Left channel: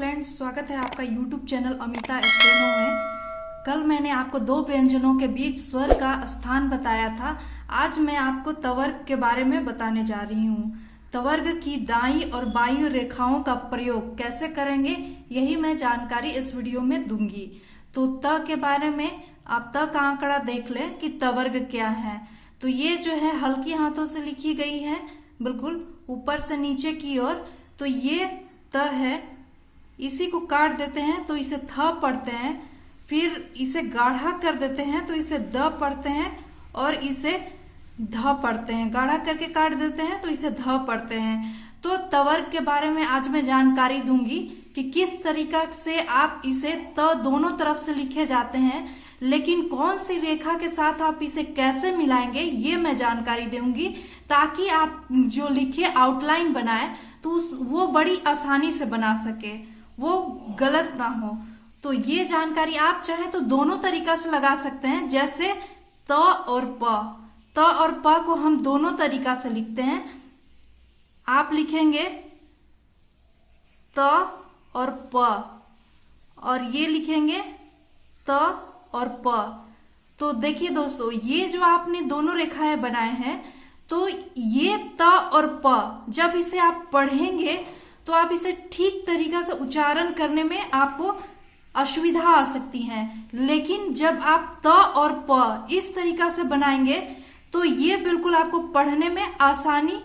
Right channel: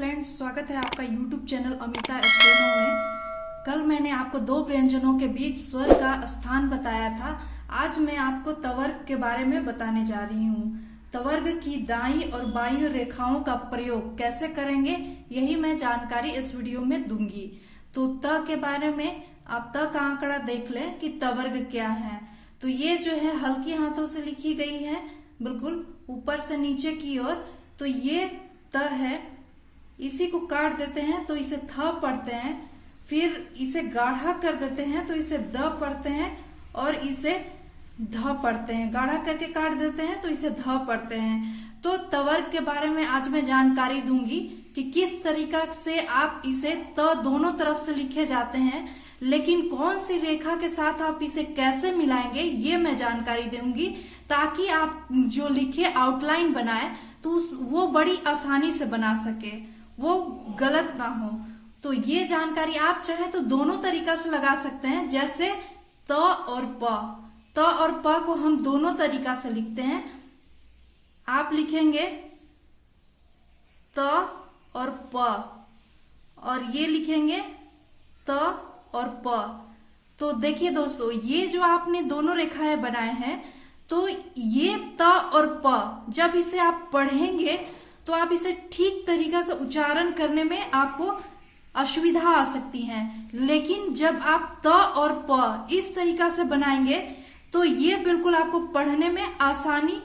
Friends, स्वागत है आपका YouTube चैनल अमिता स्टेनो में। कल मैंने आपको दो व्यंजनों के बीच स्वर का स्थान बताया था। आज मैं आपको तवर्ग के बारे में बताने जा रही हूँ। तवर्ग की दाईं और बाईं रेखाओं का प्रयोग कैसे करेंगे, यही मैं जानकारी इस वीडियो में दूंगी। तो त के बारे में आप त का आंकड़ा देख लें कि तवर्ग क्या है। तो ये जो है हल्की हाथों से लिखी गई है, बिल्कुल ऊपर से नीचे की ओर। तो ये त है, इसी को काट देते हैं तो इसे थ पढ़ते हैं, फिर इसे गाढ़ा कर देते हैं तो इसे द पढ़ते हैं, और इसे ध पढ़ते हैं। गाढ़ा करके काट देते हैं तो इसे ध पढ़ते हैं। तो तवर्ग के बारे में आज मैं जानकारी दूंगी कि किस तरीका से आप इसे त दोनों तरफ से लिखे जाते हैं, लेकिन कौन सी रेखा के साथ आप इसे कैसे मिलाएंगे ये मैं जानकारी दूंगी, ताकि आप जो लिखे आउटलाइन बनाए तो वो बड़ी आसानी से बना सके, वो गलत ना हो। तो ये जानकारी आप चाहे तो दोनों तरीका से लगा सकते हैं। जैसे त और प को हम दोनों तरीका से लिखते हैं। आप लिखेंगे त और प, और ये लिखेंगे त और प। तो देखिए दोस्तों, ये जो आपने दोनों रेखाएं बनाए हैं, तो ये त और प जब इसे आप पढ़ेंगे तो आप इसे ठीक तरीका से उच्चारण करने में आपको असुविधा आ सकती है। लेकिन जब आप त और प इस तरीका से बनाएंगे तो ये बिल्कुल आपको पढ़ने में आसानी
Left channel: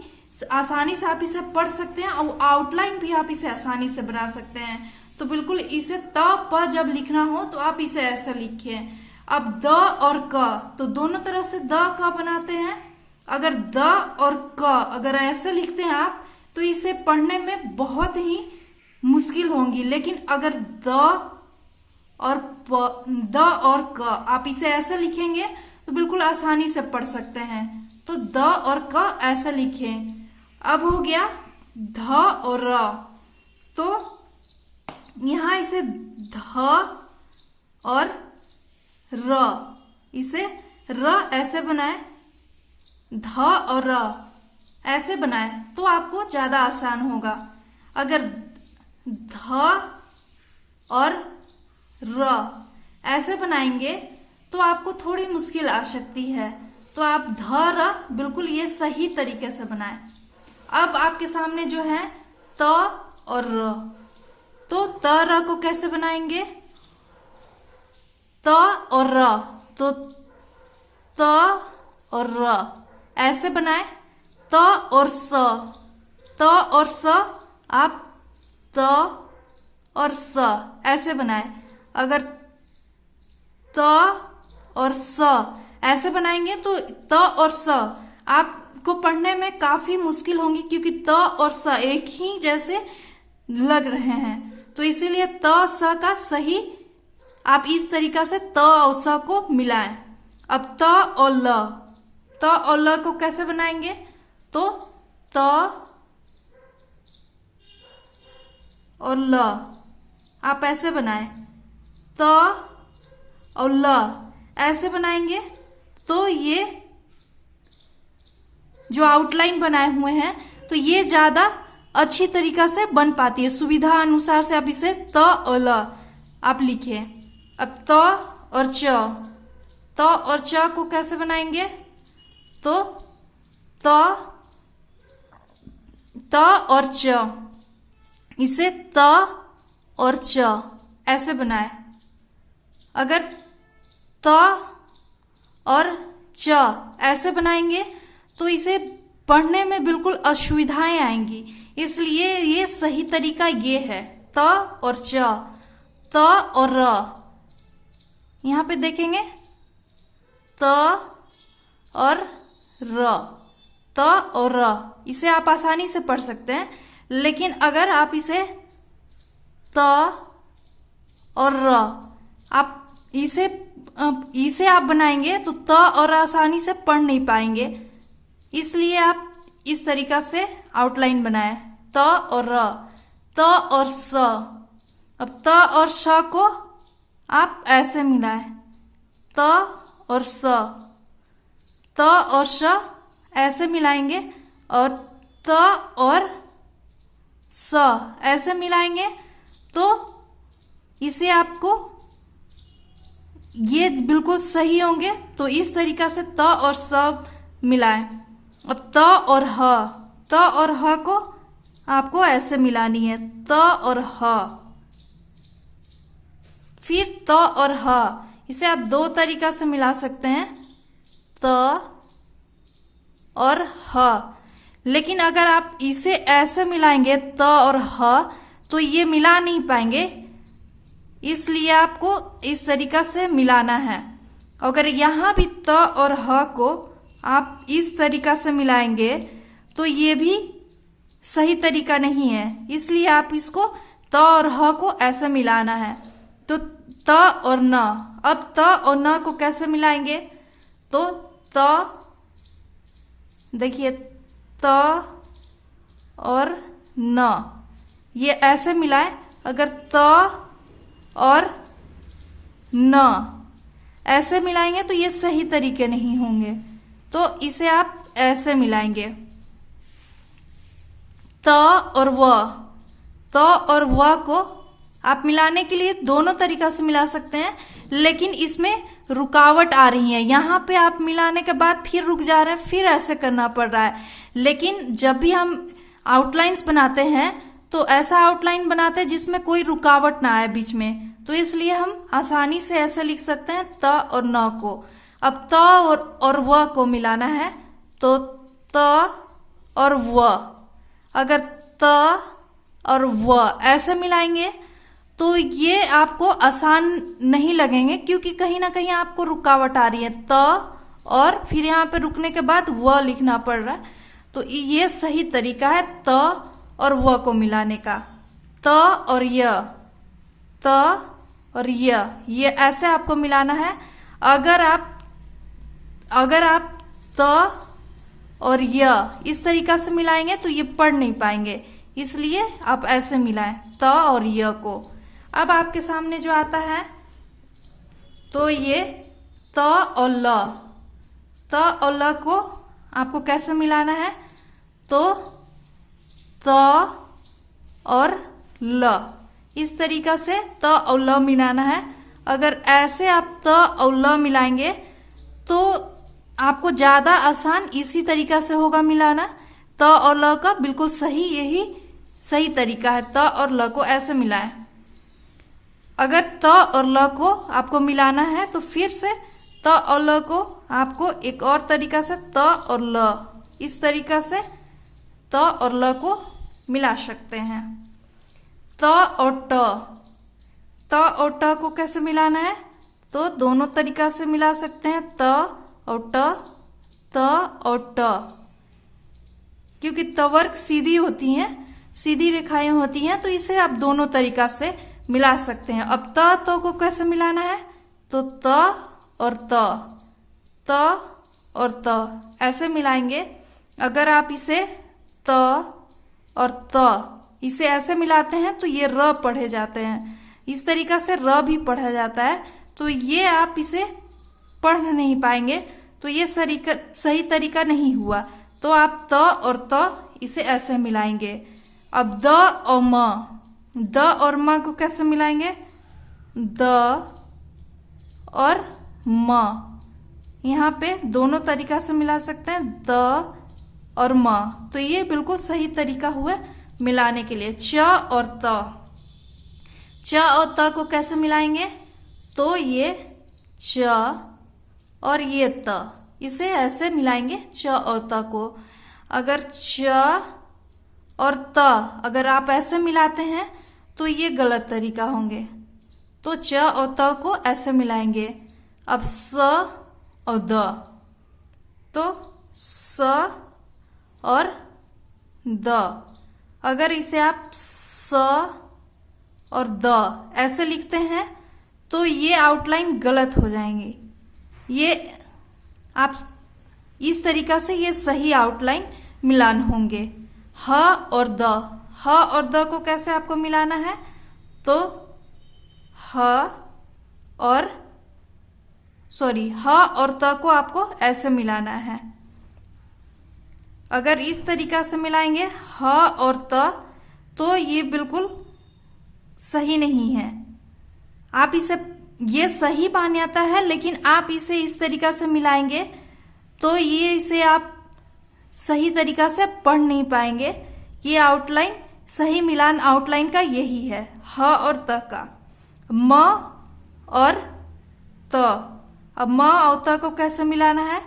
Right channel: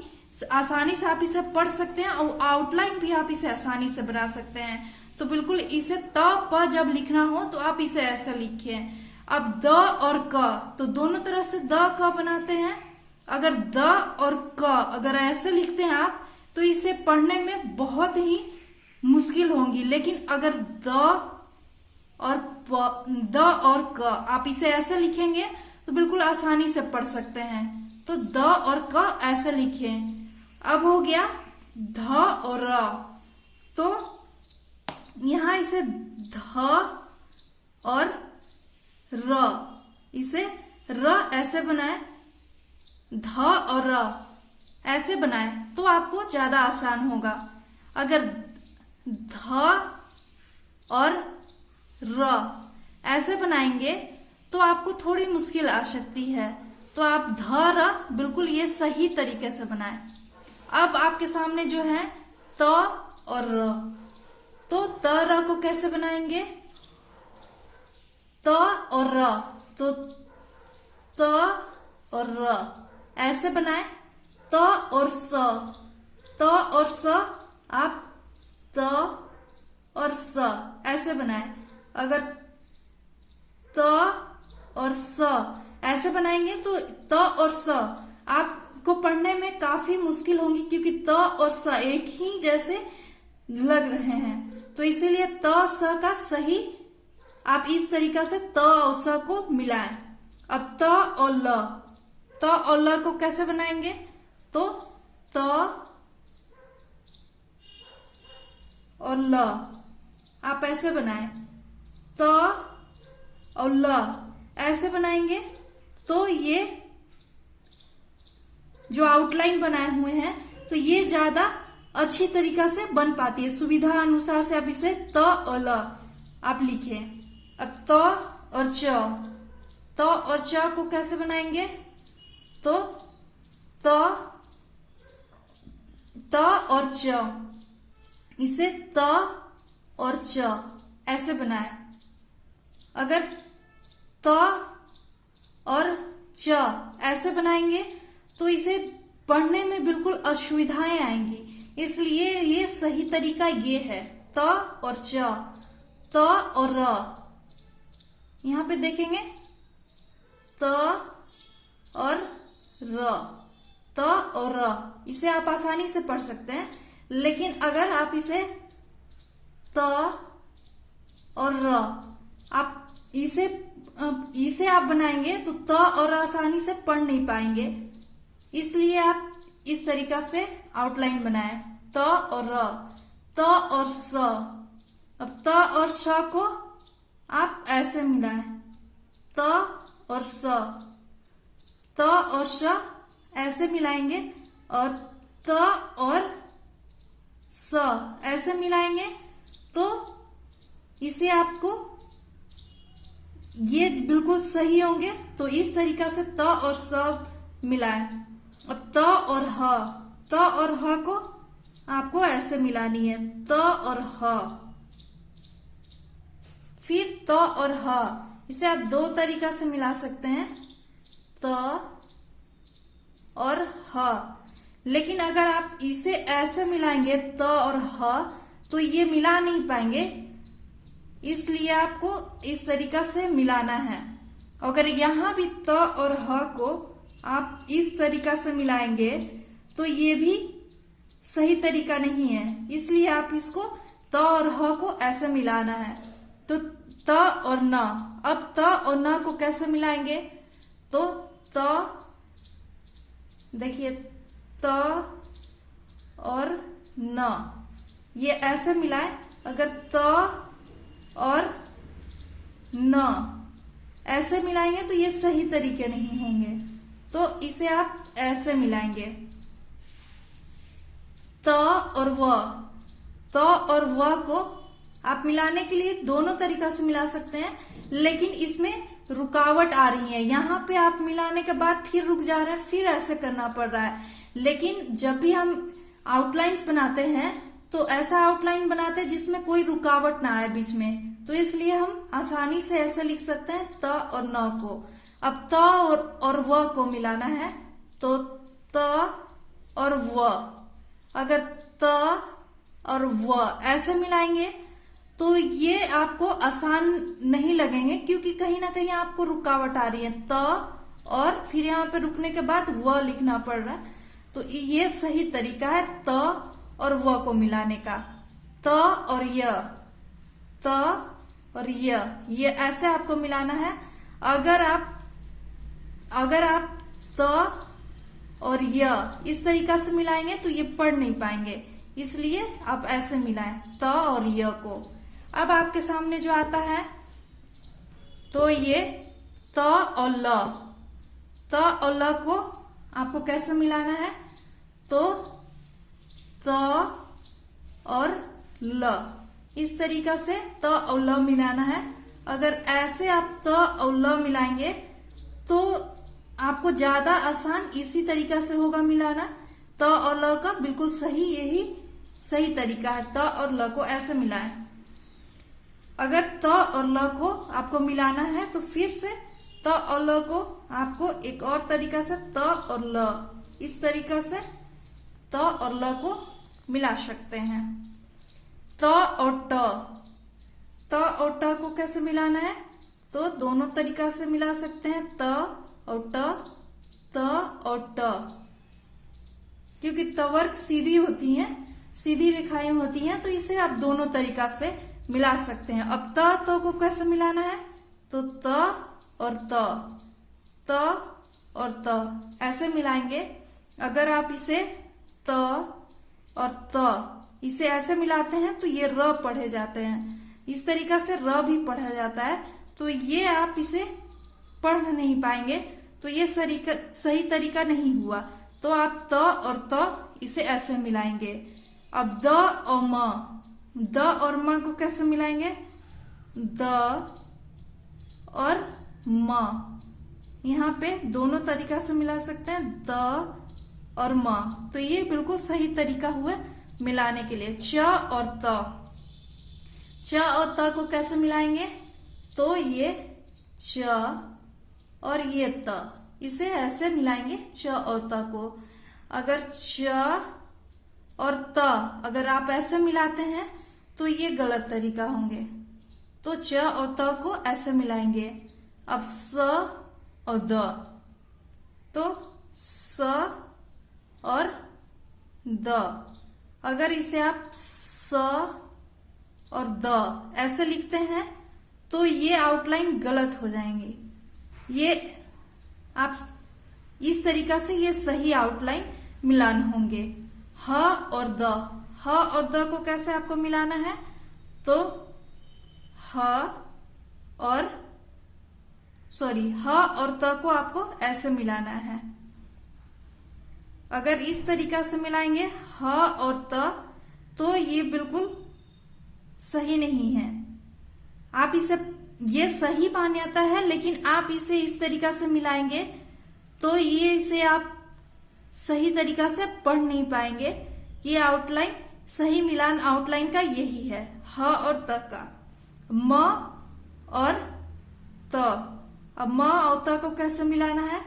से आप इसे पढ़ सकते हैं, और आउटलाइन भी आप इसे आसानी से बना सकते हैं। तो बिल्कुल इसे त प जब लिखना हो तो आप इसे ऐसा लिखिए। अब द और क, तो दोनों तरह से द क बनाते हैं। अगर द और क अगर ऐसे लिखते हैं आप, तो इसे पढ़ने में बहुत ही मुश्किल होंगी। लेकिन अगर द और क आप इसे ऐसे लिखेंगे तो बिल्कुल आसानी से पढ़ सकते हैं। तो द और क ऐसे लिखें। अब हो गया ध और र, तो यहां इसे ध और र, इसे र ऐसे बनाए, ध और र ऐसे बनाए तो आपको ज्यादा आसान होगा। अगर ध और र ऐसे बनाएंगे तो आपको थोड़ी मुश्किल आ सकती है। तो आप ध र बिल्कुल ये सही तरीके से बनाएं। अब आपके सामने जो है त और र, तो त र को कैसे बनाएंगे? त और र, तो त और र ऐसे बनाए। त और स, त और स आप त और स ऐसे बनाए। अगर त और स ऐसे बनाएंगे तो त और स आपको पढ़ने में काफी मुश्किल होंगी, क्योंकि त और स एक ही जैसे लग रहे हैं। तो इसीलिए त स का सही आप इस तरीका से त और स को मिलाएं। अब त और ल, त और ल को कैसे बनाएंगे? तो त और ल आप ऐसे बनाएं। त और ल ऐसे बनाएंगे तो ये जो आउटलाइन बनाए हुए हैं तो ये ज्यादा अच्छी तरीका से बन पाती है। सुविधा अनुसार से आप इसे त और ल आप लिखिए। अब त और च, त और च को कैसे बनाएंगे? तो त और च, इसे त और च ऐसे बनाए। अगर त और च ऐसे बनाएंगे तो इसे पढ़ने में बिल्कुल असुविधाएं आएंगी। इसलिए ये सही तरीका ये है, त और च, त और र। यहां पे देखेंगे त और र, त और र, इसे आप आसानी से पढ़ सकते हैं। लेकिन अगर आप इसे त और र आप इसे आप बनाएंगे तो त और आसानी से पढ़ नहीं पाएंगे। इसलिए आप इस तरीका से आउटलाइन बनाएं, त और र, त और स। अब त और श को आप ऐसे मिलाएं, त और स, त और श ऐसे मिलाएंगे, और त और स ऐसे मिलाएंगे तो इसे आपको ये बिल्कुल सही होंगे। तो इस तरीका से त और स मिलाएं। अब त और ह को आपको ऐसे मिलानी है, त और ह। फिर त और ह, इसे आप दो तरीका से मिला सकते हैं, त और ह। लेकिन अगर आप इसे ऐसे मिलाएंगे त और ह, तो ये मिला नहीं पाएंगे, इसलिए आपको इस तरीका से मिलाना है। अगर यहां भी त और ह को आप इस तरीका से मिलाएंगे तो ये भी सही तरीका नहीं है, इसलिए आप इसको त और ह को ऐसे मिलाना है। तो त और न, अब त और न को कैसे मिलाएंगे? तो त, देखिए त और न, ये ऐसे मिलाएं। अगर त और न ऐसे मिलाएंगे तो ये सही तरीके नहीं होंगे, तो इसे आप ऐसे मिलाएंगे। त और व, त और व को आप मिलाने के लिए दोनों तरीका से मिला सकते हैं, लेकिन इसमें रुकावट आ रही है। यहाँ पे आप मिलाने के बाद फिर रुक जा रहे हैं, फिर ऐसे करना पड़ रहा है। लेकिन जब भी हम आउटलाइंस बनाते हैं तो ऐसा आउटलाइन बनाते हैं जिसमें कोई रुकावट ना आए बीच में, तो इसलिए हम आसानी से ऐसे लिख सकते हैं त और न को। अब त और व को मिलाना है, तो त और व, अगर त और व ऐसे मिलाएंगे तो ये आपको आसान नहीं लगेंगे, क्योंकि कहीं ना कहीं आपको रुकावट आ रही है। त और फिर यहाँ पे रुकने के बाद व लिखना पड़ रहा है, तो ये सही तरीका है त और व को मिलाने का। त और य, त और य, ये ऐसे आपको मिलाना है। अगर आप त और य इस तरीका से मिलाएंगे तो ये पढ़ नहीं पाएंगे, इसलिए आप ऐसे मिलाएं त और य को। अब आपके सामने जो आता है, तो ये त और ल, त और ल को आपको कैसे मिलाना है? तो त और ल, इस तरीका से त और ल मिलाना है। अगर ऐसे आप त और ल मिलाएंगे तो आपको ज्यादा आसान इसी तरीका से होगा मिलाना। त और ल का बिल्कुल सही, यही सही तरीका है। त और ल को ऐसे मिलाएं। अगर त और ल को आपको मिलाना है तो फिर से त और ल को आपको एक और तरीका से त और ल, इस तरीका से त और ल को मिला सकते हैं। त और ट, त और ट को कैसे मिलाना है? तो दोनों तरीका से मिला सकते हैं, त और ट, त और ट, क्योंकि तवर्क सीधी होती हैं, सीधी रेखाएं होती हैं, तो इसे आप दोनों तरीका से मिला सकते हैं। अब त को कैसे मिलाना है? तो त और त, त और त ऐसे मिलाएंगे। अगर आप इसे त और त इसे ऐसे मिलाते हैं तो ये र पढ़े जाते हैं, इस तरीका से र भी पढ़ा जाता है, तो ये आप इसे पढ़ नहीं पाएंगे, तो ये सही तरीका नहीं हुआ। तो आप त और त इसे ऐसे मिलाएंगे। अब द और म, द और म को कैसे मिलाएंगे? द और म, यहाँ पे दोनों तरीका से मिला सकते हैं, द और म, तो ये बिल्कुल सही तरीका हुआ मिलाने के लिए। च और त, च और त को कैसे मिलाएंगे? तो ये च और ये त, इसे ऐसे मिलाएंगे च और त को। अगर च और त अगर आप ऐसे मिलाते हैं तो ये गलत तरीका होंगे, तो च और त को ऐसे मिलाएंगे। अब स और द, तो स और द, अगर इसे आप स और द ऐसे लिखते हैं तो ये आउटलाइन गलत हो जाएंगी। ये आप इस तरीका से ये सही आउटलाइन मिलान होंगे। ह और द, ह और द को कैसे आपको मिलाना है? तो ह और त को आपको ऐसे मिलाना है। अगर इस तरीका से मिलाएंगे ह और त, तो ये बिल्कुल सही नहीं है। आप इसे, ये सही मान्यता है, लेकिन आप इसे इस तरीका से मिलाएंगे तो ये इसे आप सही तरीका से पढ़ नहीं पाएंगे। ये आउटलाइन, सही मिलान आउटलाइन का यही है, ह और त का, म और त। अब म और त को कैसे मिलाना है,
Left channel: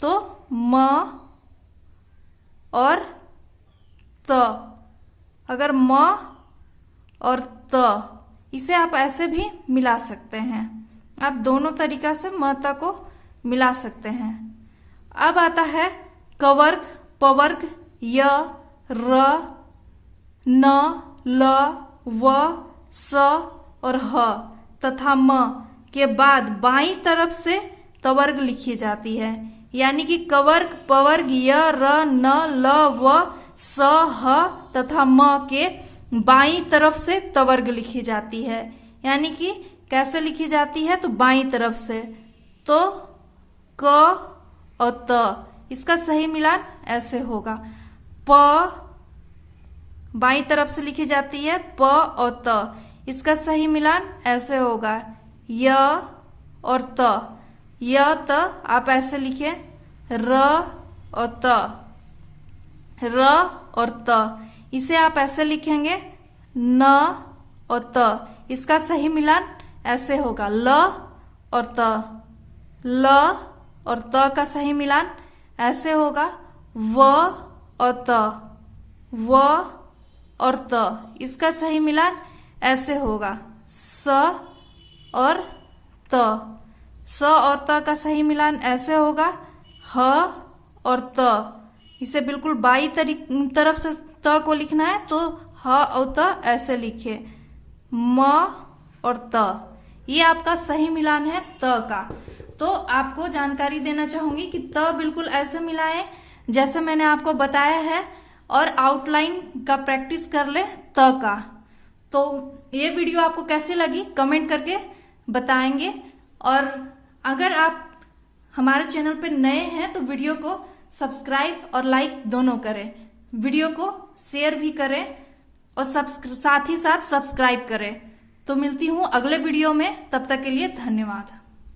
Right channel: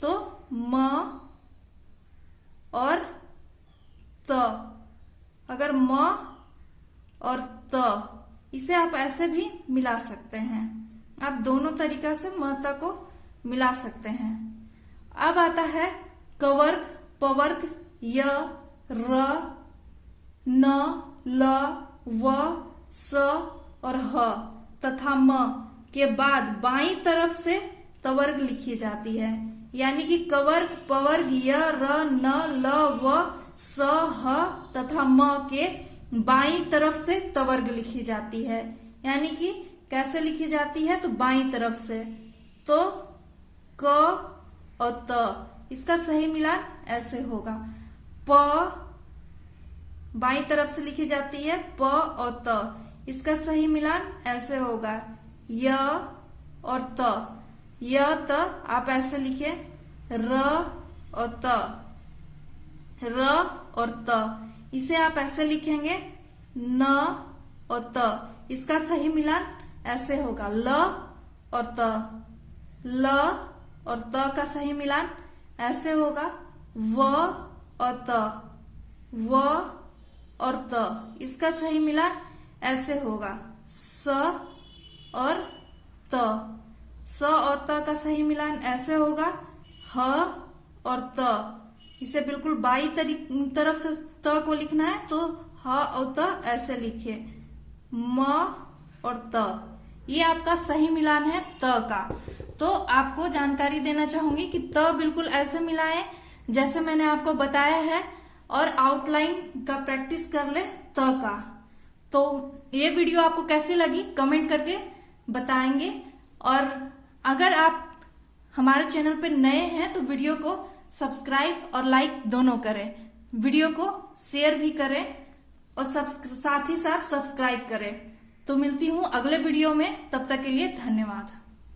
तो म और त। अगर म और त, इसे आप ऐसे भी मिला सकते हैं। आप दोनों तरीका से म त को मिला सकते हैं। अब आता है कवर्ग, पवर्ग, य, र, न, ल, व, स और ह तथा म के बाद बाईं तरफ से तवर्ग लिखी जाती है। यानी कि कवर्ग, पवर्ग, य, र, न, ल, व, स, ह तथा म के बाईं तरफ से तवर्ग लिखी जाती है। यानी कि कैसे लिखी जाती है, तो बाईं तरफ से, तो क और त, इसका सही मिलान ऐसे होगा। प बाईं तरफ से लिखी जाती है, प और त, इसका सही मिलान ऐसे होगा, य और त। य त आप ऐसे लिखे, र और त, र और त, इसे आप ऐसे लिखेंगे, न और त, इसका सही मिलान ऐसे होगा, ल और त। ल और त का सही मिलान ऐसे होगा, व और त, व और त, इसका सही मिलान ऐसे होगा, स और त। स और त का सही मिलान ऐसे होगा, ह और त। इसे बिल्कुल बाई तरफ से त को लिखना है, तो ह और त ऐसे लिखे, म और त। ये आपका सही मिलान है त का। तो आपको जानकारी देना चाहूंगी कि त बिल्कुल ऐसे मिलाएं जैसे मैंने आपको बताया है, और आउटलाइन का प्रैक्टिस कर ले त का। तो ये वीडियो आपको कैसी लगी कमेंट करके बताएंगे। और अगर आप हमारे चैनल पे नए हैं तो वीडियो को सब्सक्राइब और लाइक दोनों करें, वीडियो को शेयर भी करें और साथ ही साथ सब्सक्राइब करें। तो मिलती हूँ अगले वीडियो में, तब तक के लिए धन्यवाद।